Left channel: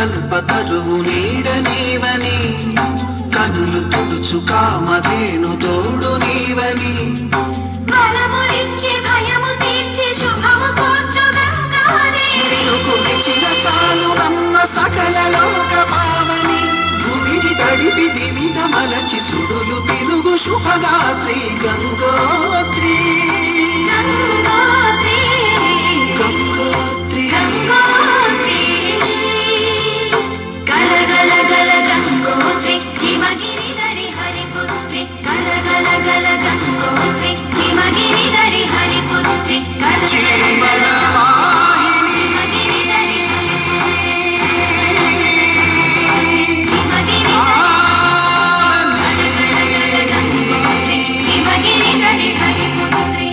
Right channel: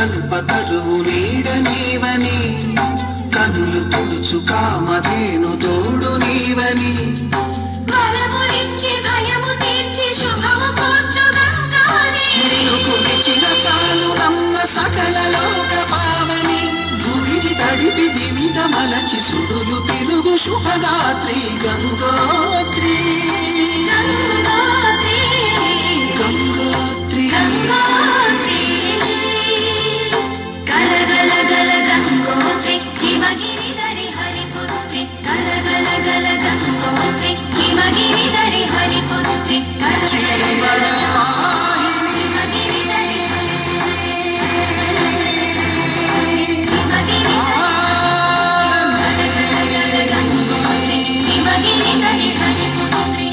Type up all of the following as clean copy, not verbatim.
కల్పతరువు నీడ నీవని కనులు తుడుచు కామధేను తోడు నీవని నిన్ను కొలిచిన చాలు నమ్మ సకల లోక పావని భూమిని తడిపి దివిగ మలచి సుడులు తిరుగు శుభదాత్రి గంగోత్రి గంగోత్రి గల గల గల గంగోత్రి హిమగిరిధరి హరిపుత్రి గల గల గల గంగోత్రి హిమగిరిధరి హరిపుత్రి గల జీవన వాహిని హిమగిరిధరి హరిపుత్రి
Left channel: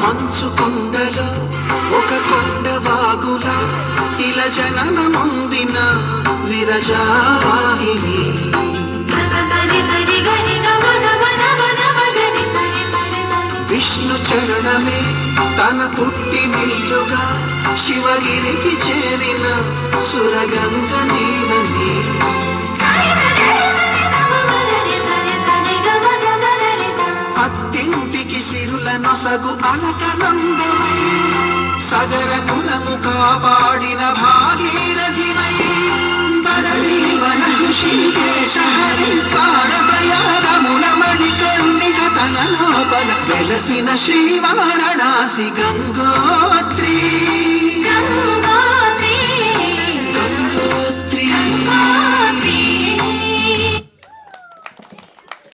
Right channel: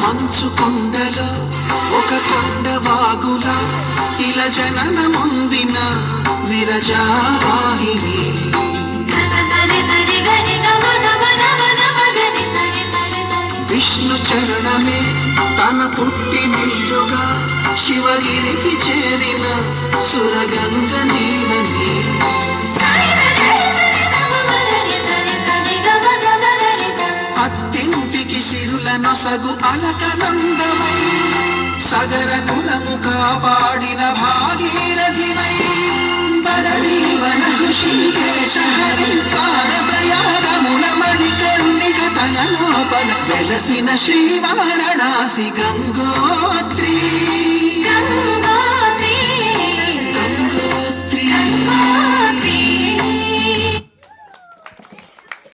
మంచు కొండలో ఒక కొండ వాగులా తిల జనన ముందిన విరజావాహిని విష్ణు చరణమే తన పుట్టి నిల్లుగా శివగిరికి చేరిన సురగంగ నీవని అత్తింటికి సిరుల నొసగు అలకనందమై సగర కులము కాపాడిన భాగీరథివై బడరీవన ఋషికేశ హరిద్వారదయారముల మణికర్ణిక తన లోపల వెలసిన శ్రీవారణాసి గంగోత్రి